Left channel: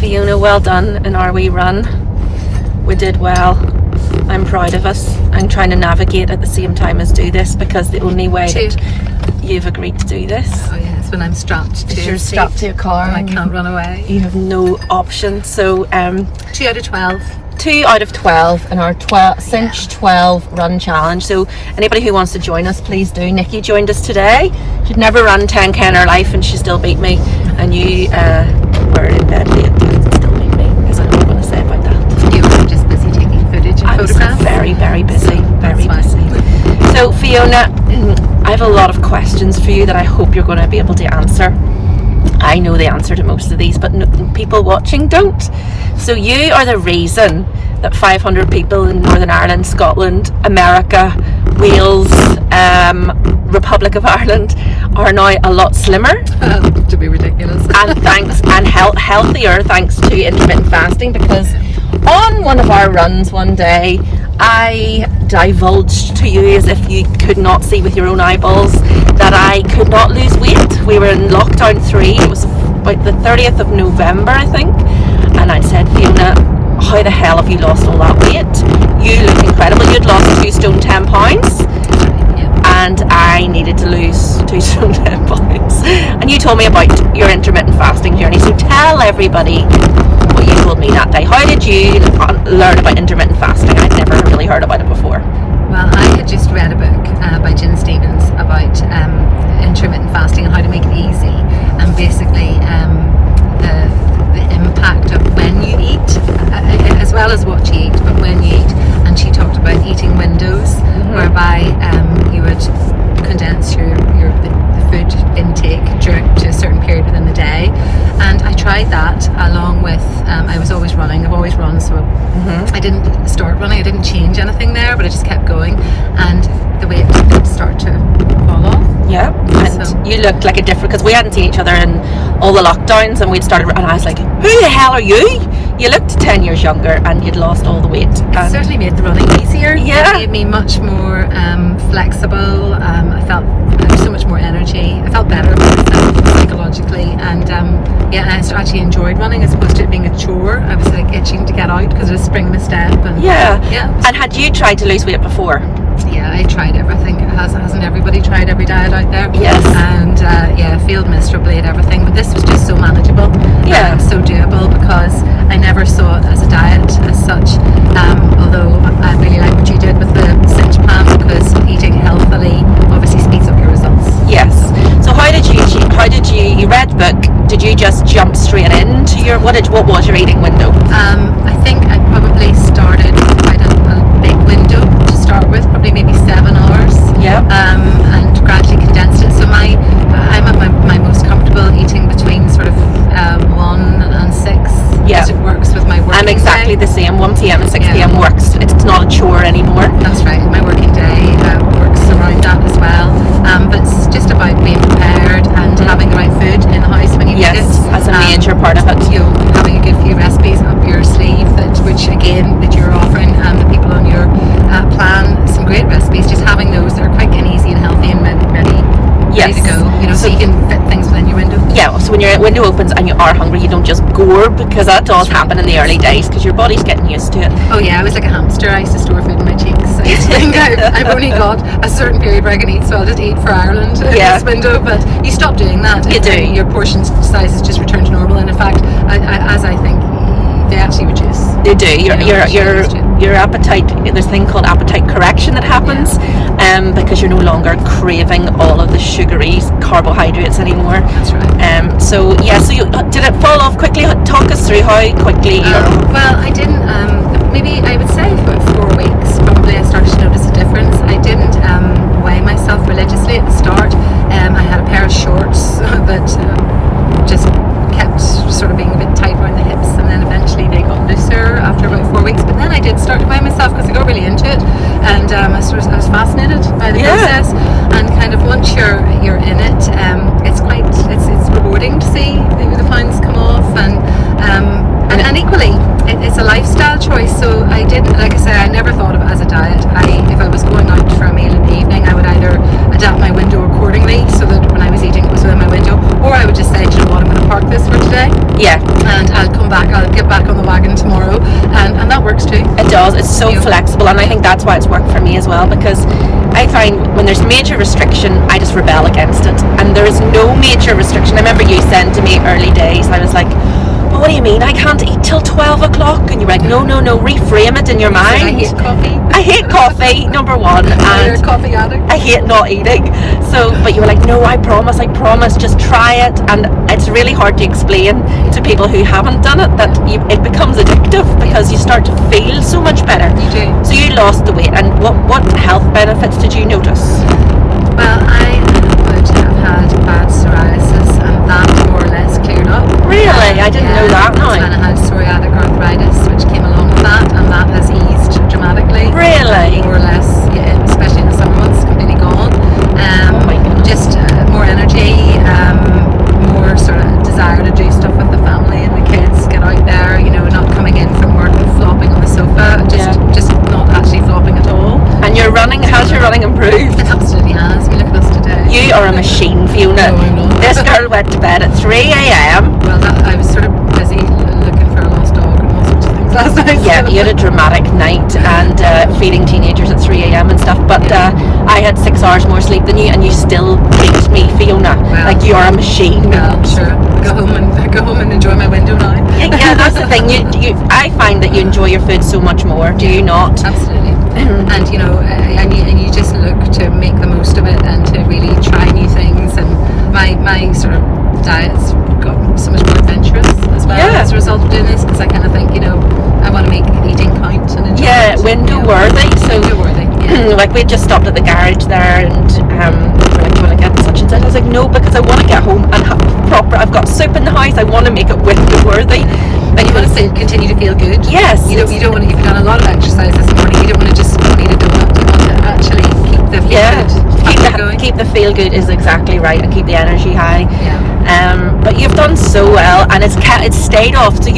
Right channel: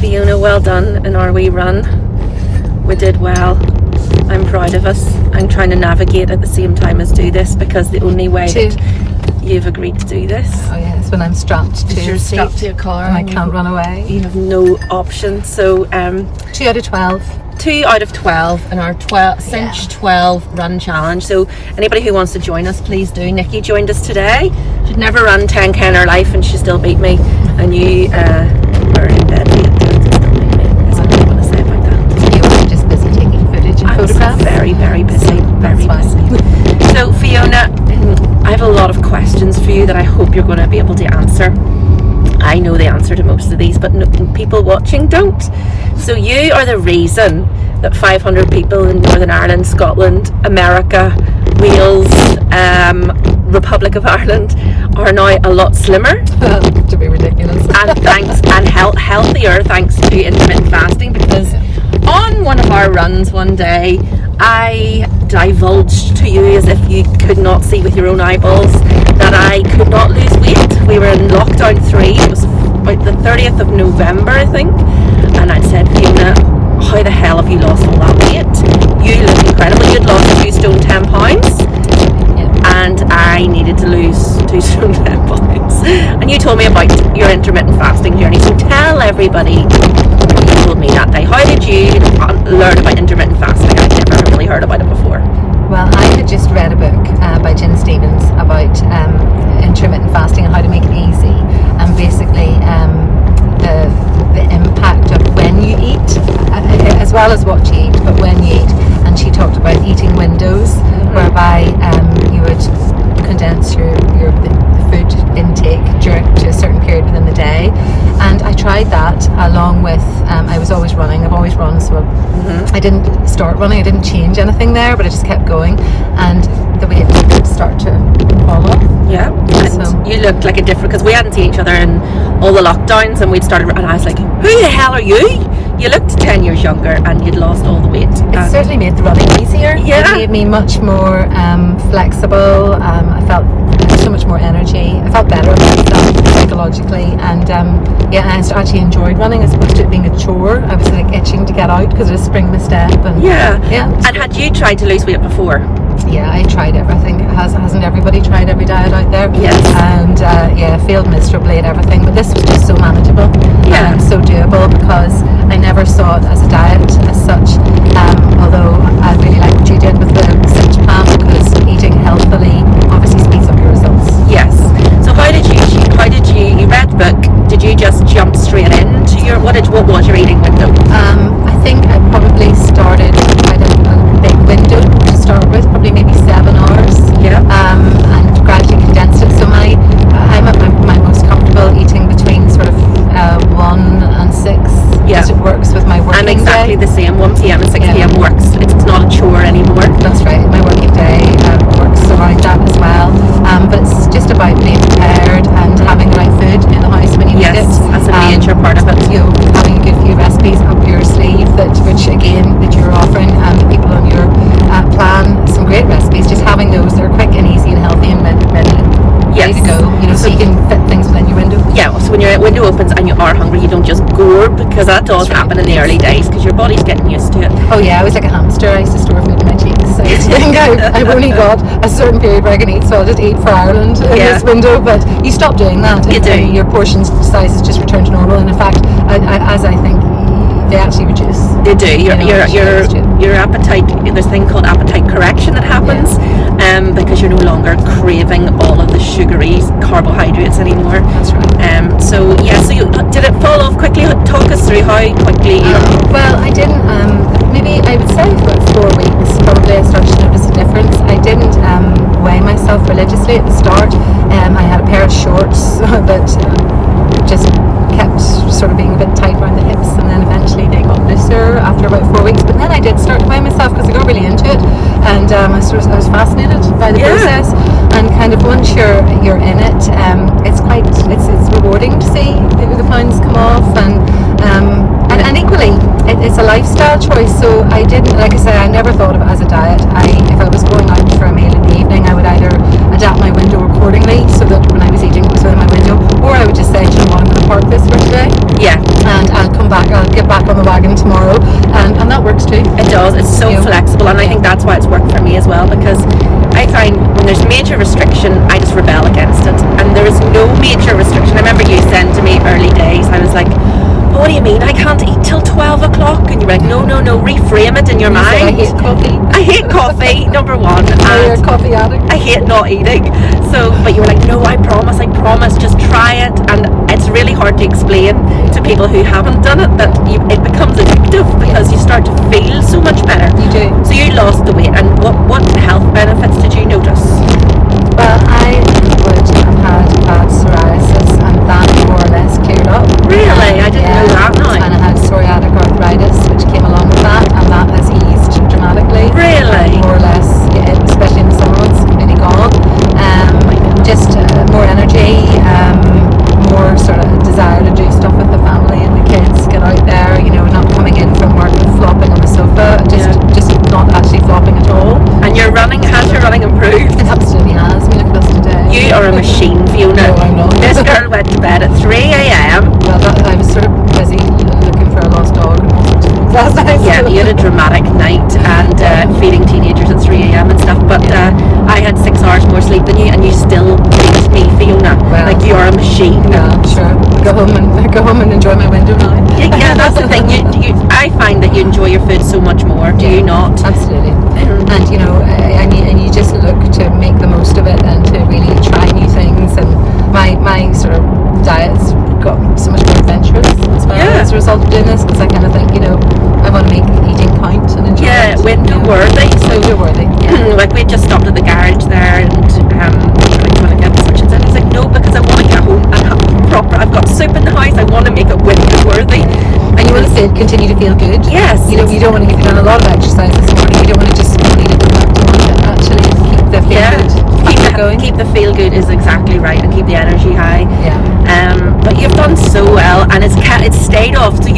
Fiona, well done in our wee run. We did well. I'm proud of us. I'm trying to navigate at the same time as do this, because the only way that you've agreed to do this. Oh yeah, it's when I'm strapped to your car and I can't run away. You have no option. So 2 out of 12. 2 out of 12 in our Cinch 12 run challenge. So anybody who wants to join us, please do. Nikki joined us today. She'd never run 10k in her life and she still beat me. And you were in bed. Is that what I want to say about that? You were just busy taking footage and photographs. Very, very busy. Very busy. So Fiona, I have a lot of questions for you that I hope you're going to be able to answer. I know the answer to most of these, but people watching don't. So you are the reason that 500 people in Northern Ireland, Scotland, America, Wales, Republic of Ireland are now a lot slimmer. To be ridiculous. and healthier thanks to intermittent fasting, because on one of our runs one day I divulged to you, as if you could not see with your own eyeballs, that I could not lose weight. We were in lockdown 3, it was about the 30th of November I think, and I said, Fiona, how the hell have you lost all that weight? You look incredible. You'd lost 2 stone 10 pounds. And I needed to lose 2 stone 10 pounds. And you told me about your intermittent fasting journey. So tell everybody what you told me that day. How did you learn about intermittent fasting? I'd never really heard about it before. Well, I had just read a book by Jen Stevens about intermittent fasting and how to make it easy, and basically the impact of when you eat, as well as what you eat, but when you eat. And she talked about eating windows, whereby you would condense the food intake to a certain period within the day. And I tried that along with I was always running. I've always run, so I didn't start running. I didn't change anything there, but I just kept going, and the weight did start to fall off. Yeah, and so you looked like a different, because we hadn't seen each other in all the lockdowns, and we'd started, and I was like, who the hell are you? You looked 10 years younger and you'd lost all the weight. It certainly made the running easier. Yeah. It made me much more flexible. I felt so much more energy. I felt better about myself psychologically, and I actually enjoyed running as opposed to it being a chore. I was like itching to get out because it was spring my step. And yeah. And had you tried to lose weight before? Yeah, I tried everything. Hasn't everybody tried every diet out there? Yes. And failed miserably at everything. But this was just so manageable. Yeah. So doable, because I never saw it as a diet as such. Although I really like what you did with the Cinch plan, because eating healthily obviously speeds up your results. Yes. So how did you read the book? Did you just jump straight into what was your eating window? I think I probably started at a big window to start with, probably maybe 7 hours. Yeah. And gradually condensed it. So I'm at my most comfortable eating between sort of 1 and 6. Yeah. As it works with my working I'm exactly day. the same. 1 p.m. and 6 p.m. works. It's not a chore anymore. That's right. My working day works around that as well. But it's just about being prepared and having the right food in the house when you make it. That's a major part of it. You having a good few recipes up your sleeve that you're offering, and the people on your plan, some great recipes. Just having those that are quick and easy and healthy and ready to go. So you can fit things within your window. Yeah, so when your window opens and you are hungry, you don't just gorb, because that does happen in the early days, because your body's getting used to it. Oh yeah, I was like a hamster. I used to store food in my cheeks. I used to think I've only got a certain period where I can eat, so I'll just eat for Ireland in this window. But you stop doing that. You do. Your portion sizes just return to normal, and in fact, as I think, they actually reduce. They do. Your appetite, there's a thing called appetite correction that happens, because you're no longer craving all of the sugary carbohydrates anymore. That's right. So you, did it fall off quickly? Talk us through how quickly. Well, I didn't. Maybe I would say about 4 weeks. Probably I started to notice a difference. I didn't weigh myself religiously at the start. I had a pair of shorts that just kept sort of being a bit tight around the hips, and then eventually they got looser after about 4 weeks. But then I did start to weigh myself because I got really into it, and I was fascinated by the process. And kind of once you're in it, it's rewarding to see the pounds come off, and equally it's a lifestyle choice. So I didn't, like I say, I never thought of it as a diet. If I was going out for a meal in the evening, I would either adapt my window accordingly so that when I was eating it was within my window, or I does. It's so flexible, and I think that's why it's worked for me as well, because I find when there's major restriction, I just rebel against it, and there is no major restriction. I remember you saying to me early days, I was like, oh, what do you mean I can't eat till 12 o'clock? And you went, no, reframe it in your mind. I hate coffee. I hate coffee, number one. You're a coffee addict. I hate not eating. So, but you were like, no, I promise, just try it. And it's really hard to explain to people who haven't done it that it becomes addictive, because you start to feel so much better. You do. So you lost the weight, and what health benefits did you notice? Well, I would have had bad psoriasis, and that more or less cleared up. Really? I didn't know that. No. And I had psoriatic arthritis, which came along with that, and that has eased dramatically. Really? More or less, yeah, especially in the summer months, completely gone. Just more energy, more sort of desire to do stuff with the family and the kids, get out there, not coming in from work and flopping on the sofa, just not actually flopping at all. And your running, how's your running improved? It absolutely has. I mean, look at us today. You are a machine, Fiona. No, I'm not. This girl went to bed at 3 a.m. Well, I was sort of busy looking for a lost dog and all sorts of things last night. Yeah, you had a dramatic night, and feeding teenagers at 3 a.m. and stuff, but I had 6 hours more sleep than you, and you still beat me, Fiona. Well, like, you're a machine. Yeah, sure. Go home and enjoy my window now. Yeah, that's the thing. I find that you enjoy your food so much more. Do you not? Absolutely. And I mean, and you just look to make the most of it and to really try new things. And my sort of diet's got so much more adventurous as well as a result of doing this, because I kind of think, I want to make eating count and enjoy it. Window worthy. Window worthy. Like, we just stopped at the garage there, and do you want to get such and such? I was like, no, because I want to get home and have proper. I've got soup in the house. I want to make it window worthy. And you want to continue to feel good. Yes. You don't want to give done a lot of exercise this morning. You don't want to just complete it. You want to actually keep the feel going. Keep the feel good is exactly right, and keep the energy high. Yeah. But you've done so well, and it's stayed off. So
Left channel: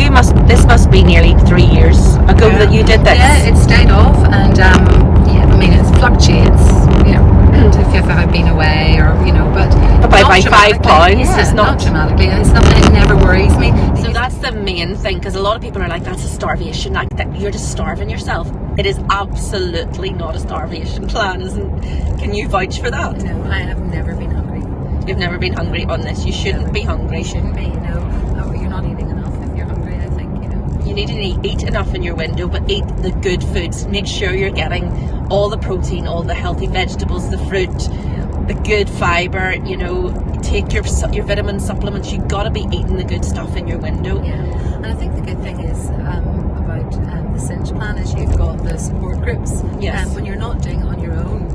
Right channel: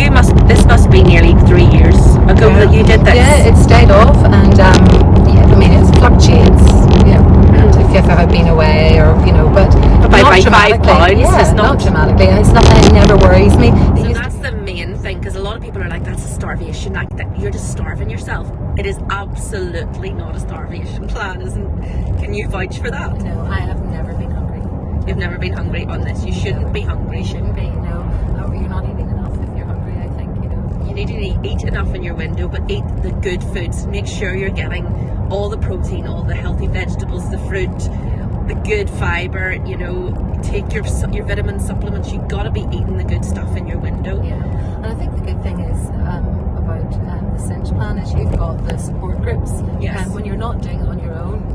this must be nearly 3 years ago that you did this. Yeah, it stayed off, and I mean, it fluctuates. Yeah. If I've been away, or but by not 5 pounds. Yeah, it's not dramatically. It's nothing. It never worries me. So that's the main thing, because a lot of people are like, that's a starvation, like that you're just starving yourself. It is absolutely not a starvation plan, isn't? Can you vouch for that? No, I have never been hungry. You've never been hungry on this. You shouldn't be hungry. You shouldn't be. No, you're not eating enough if you're hungry. I think you need to eat enough in your window, but eat the good foods. Make sure you're getting all the protein, all the healthy vegetables, the fruit, the good fibre. Take your vitamin supplements. You've got to be eating the good stuff in your window. Yeah, and I think the good thing is about the Cinch plan is you've got the support groups. Yes. And when you're not doing it on your own,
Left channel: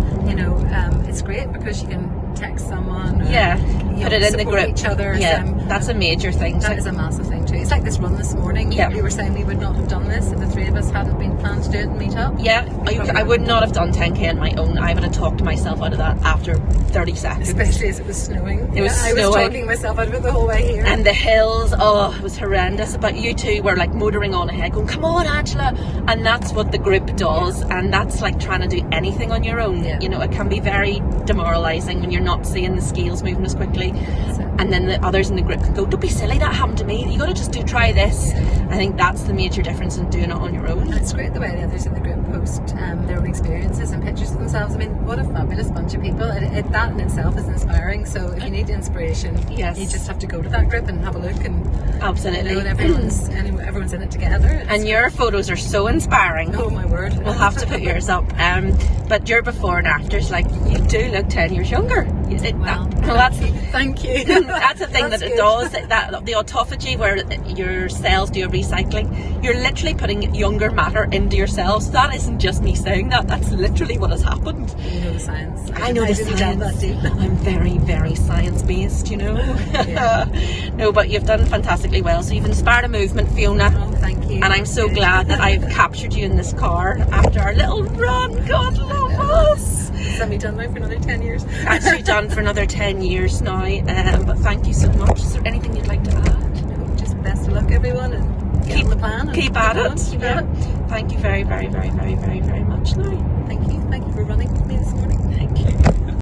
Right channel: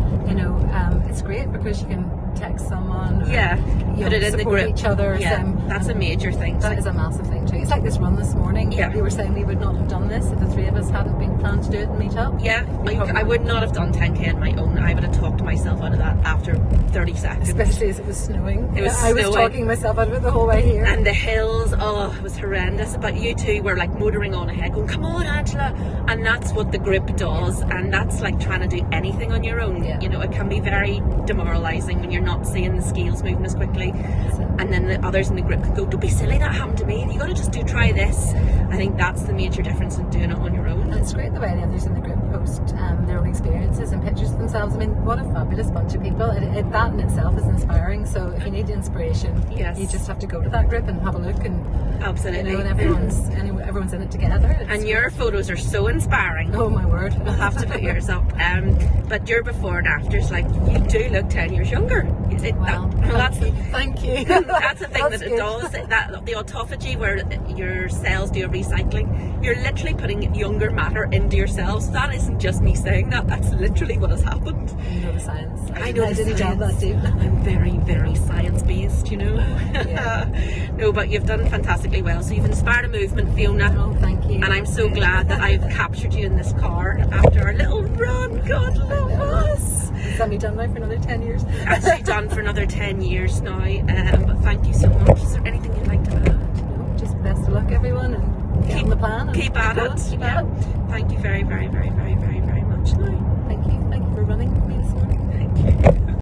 it's great because you can text someone. Put it in the group. Each other. Yeah, that's a major thing. That is a massive thing too. It's like this run this morning. Yeah. You were saying we would not have done this if the three of us hadn't been planned to do it and meet up. Yeah, I would not have done 10k on my own. I would have talked myself out of that after 30 seconds. Especially as it was snowing. It was snowing. I was talking myself out of it the whole way here. And the hills, it was horrendous. But you two were like motoring on ahead, going, come on, Angela. And that's what the group does. And that's like trying to do anything on your own. Yeah. It can be very demoralising when you're not seeing the scales moving as quickly. And then the others in the group can go, don't be silly, that happened to me. You got to just try this. I think that's the major difference in doing it on your own. It's great the way the others in the group post their own experiences and pictures of themselves. I mean, what a fabulous bunch of people. That in itself is inspiring. So if you need inspiration, yes, you just have to go to that group and have a look. And absolutely, and everyone's in it together. And your photos are so inspiring. Oh my word! We'll have to put yours up. But your before and afters, like, you do look 10 years younger. Thank you. That's the thing that it does. That the autophagy, where your cells do a recycling, you're literally putting younger matter into your cells. That isn't just me saying that. That's literally what has happened. You know the science. I know the the science. That I'm very, very science based. Yeah. No, but you've done fantastically well. So you've inspired a movement, Fiona. Oh, thank you. And I'm so glad that I've captured you in this car after our little run. God love us. Is that me done now for another 10 years? Actually done for another 10 years now. But thank you so much. Is there anything you'd like to add? Just best of luck, everyone, and keep the plan. Keep at it. Keep at it. Thank you very, very, very, very, very, very much now.